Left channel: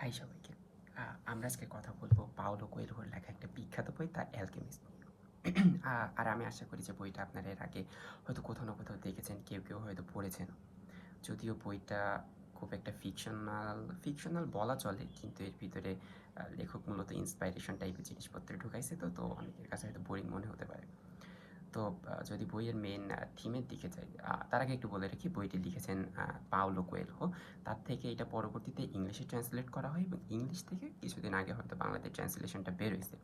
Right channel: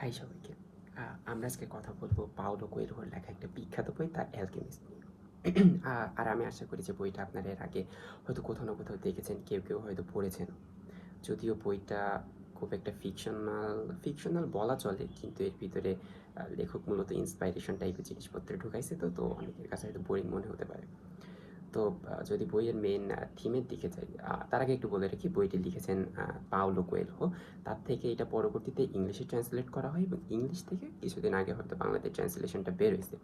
High সবাইকে। আমরা আজকে কথা বলবো পাওলো কোয়েলহোর লেখা একটা বিখ্যাত বই দ্য অ্যালকেমিস্ট নিয়ে। আর আমি আশা করি যে বইটা আপনারা এর আগে হয়তো কোথাও না কোথাও দেখেছেন, কেউ হয়তো পড়েছেনও। যদিও বইটা খুব একটা ফিকশনাল বলা চলে, কিন্তু এর ভিতরে লেখক মূলত ইন্সপাইরেশন টাইপের জিনিসপত্র ঢুকাইছে, তো অনেকের কাছে হয়তো বোরিং মনে হতে পারে। তো যদি বইয়ের মেন থিমের দিকে যাই, তার আগে একটু বলে রাখি বইটি লিখেছেন পাওলো কোয়েলহো। তার থেকে এটা পরবর্তীতে ইংলিশে ট্রান্সলেট করা হয় এবং ইংলিশ থেকে কিছুদিন আগে হয়তো বাংলাতে ট্রান্সলেশনটা বের হয়েছে।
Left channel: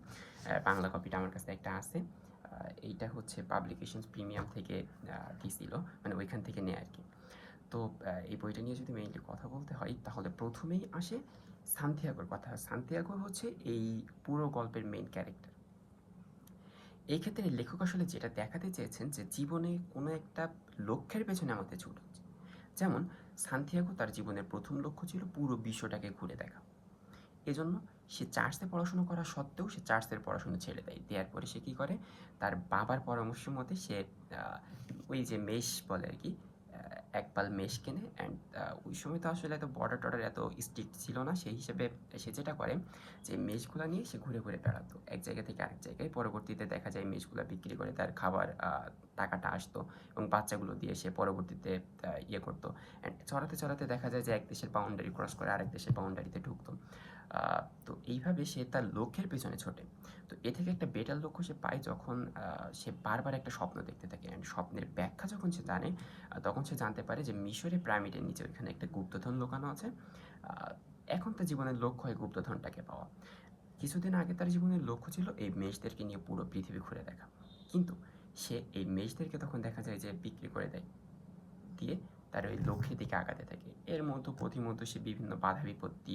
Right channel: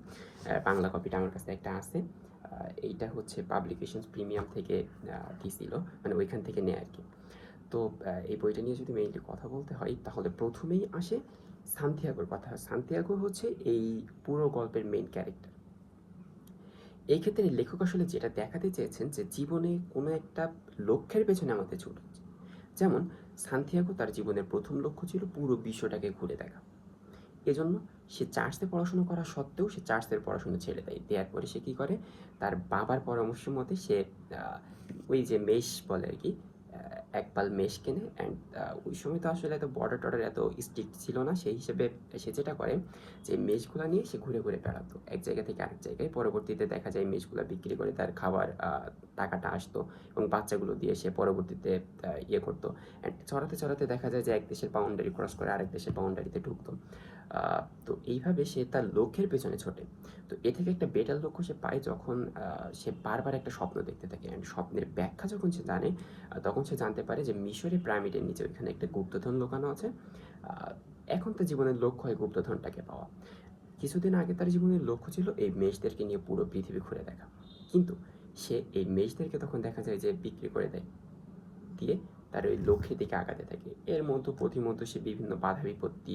বাংলা কপিটা আমার কাছে একটা আছে। এইটা হচ্ছে পাবলিকেশনস প্রিমিয়াম থেকে দিছিল, মানে ওইখান থেকে নেয় আর কি। তো এই বইটা নিয়ে যদি মেইনলি কথা বলতে হয় তাহলে প্রথমেই আসে সান্তিয়াগোর কথা। সান্তিয়াগো হচ্ছে এই পুরো গল্পের মেইন ক্যারেক্টার। এই ক্ষেত্রে লেখক আসলে যেটা দেখাতে চেয়েছেন যে জীবনে কোনো একটা লক্ষ্যের পেছনে আমাদের ছুট হচ্ছে। যেমন সান্তিয়াগো তার জীবনের প্রথম লক্ষ্য ছিল পুরো বিশ্বটাকে ঘুরে দেখা। এজন্য সে চার্চে পড়াশোনা করা সত্ত্বেও সে চার্চের পড়াশোনা ছেড়ে দেয়। দেওয়ার পরে সে কী করে, তার বাবার পরামর্শ মতে সে ওই যে মেষ বলে আর কি, এক পাল মেষ কেনে। অ্যান্ড ওই সময় তো আসলে এত বর্ডার টর্ডার এত স্ট্রিক্ট ছিল না, সেই হিসেবে সে যেটা করে যে মেষগুলো নিয়ে সে ঘুরে ঘুরে বেড়াতো এক জায়গা থেকে আরেক জায়গায়। পরবর্তীতে দেখা যায় মেষগুলো বিক্রি করে তার খাবার টাকাটা আসতো এবং বাচ্চাগুলো দিয়ে সে পরবর্তীতে ইয়ে করতো। অ্যান্ড চড়াতে চড়াতে দেখা যায় যে এক দেশের বাউন্ডারি ক্রস করে আরেক দেশের বাউন্ডারিতে ঢুকতো। তো এইভাবে সে তার লক্ষ্যের পেছনে ছোটে। তো এ থেকে একটা বেটার লক্ষ্য সে পায় যখন সে বারবার একটা স্বপ্ন দেখতে থাকে। অ্যান্ড স্বপ্নের ব্যাখ্যা যখন সে জানে, তখন সে জানতে পারে যে মিশরের পিরামিডের নিচে ওইখানে একটা গুপ্তধন লুকানো আছে। এখন তার জীবনের লক্ষ্য হয় গুপ্তধনটাকে পাওয়া। কিছুদিন আগে তার জীবনের লক্ষ্য ছিল এই মেষদেরকে নিয়ে পুরো পৃথিবী ঘুরে দেখা। কিন্তু সে এই মেষদেরকে তখন দেখা যায় যে বিক্রি করে দেয়, দিয়ে তার ওই লক্ষ্যের দিকে আগাতে থাকে। এর মধ্যে পথিমধ্যে সে বিভিন্ন বাধা বিপত্তি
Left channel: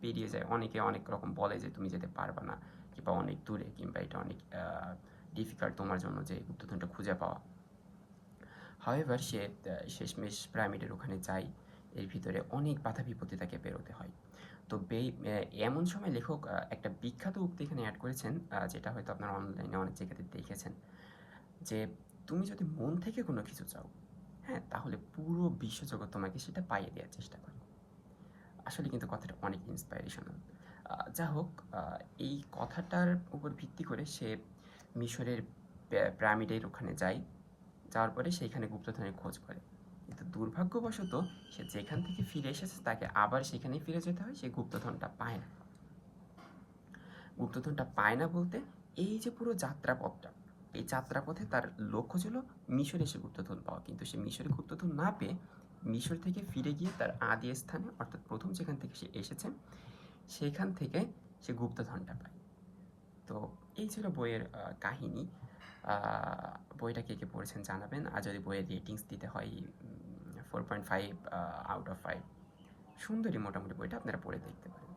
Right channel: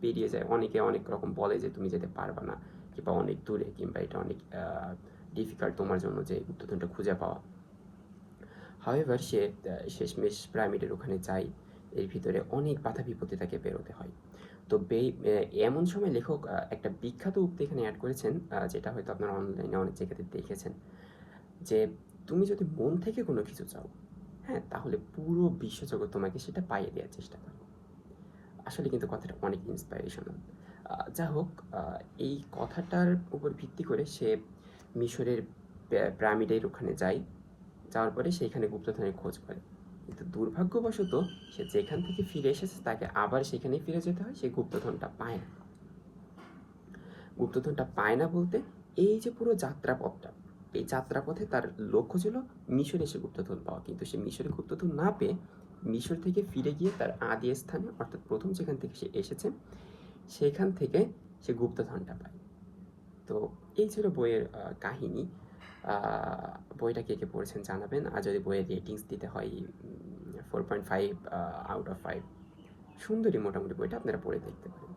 পেরিয়ে যায়। অনেকে অনেক রকম বলে যে তুমি যেতে পারবা না, কিংবা অনেক দূরে, কিংবা এটা অনেক ডিফিকাল্ট তোমার জন্য যে গুপ্তধনটা খুঁজে পাওয়া। হাওয়েভার সে শেষমেশ পিরামিডের ওখানে যায়। এর ভিতরে অনেক বাধা বিপত্তি তাকে পেরোতে হয়। তো এমন সময় লেখক একটা বিখ্যাত উক্তি এখানে অ্যাড করেছেন, যেটা হয়তো আপনারা অনলাইনে অনেক জায়গাতে দেখেছেন, যে তুমি যদি মন থেকে কোনো কিছু চাও, হ্যাঁ, তাহলে পুরো বিশ্বজগৎ তোমাকে সেটা পাইয়ে দেওয়ার চেষ্টা করে। আসলে কিন্তু কথাটা অনেক ইন্সপাইরেশনাল। যা হোক, এই কথাটার উপর ভিত্তি করে সে মিশরের পিরামিডের ওখানে যায়। যাওয়ার পরে সেইখানে গুপ্তধনের খোঁজ করে। কিন্তু দুর্ভাগ্যবশত সে যেখান থেকে ফিরে এসেছে তাকে আবার সেখানেই ফিরে যেতে হয়। সে গুপ্তধনটা পায় না। গুপ্তধনটা পায় না বলতে, এই যে পুরো যাত্রাপথটা, এই যাত্রাপথে তার লক্ষ্য ছিল মিশরে এসে গুপ্তধন পাওয়া। কিন্তু সে মিশরে গুপ্তধন না পেয়ে মিশর থেকে ফিরে গিয়ে তার আদি স্থানে, অর্থাৎ প্রথম যেখান থেকে সে এসেছে সেখান থেকে সে গুপ্তধনটা পায়। তো এই ছিল বইয়ের কাহিনী। বইটা কে পড়েছেন জানাবেন। আর যদি বইয়ের রেটিংস দিতে হয়, 4.5 আউট অফ 5। সুন্দরী মোটামুটি বইটা, আপনারা পড়ে দেখতে পারেন।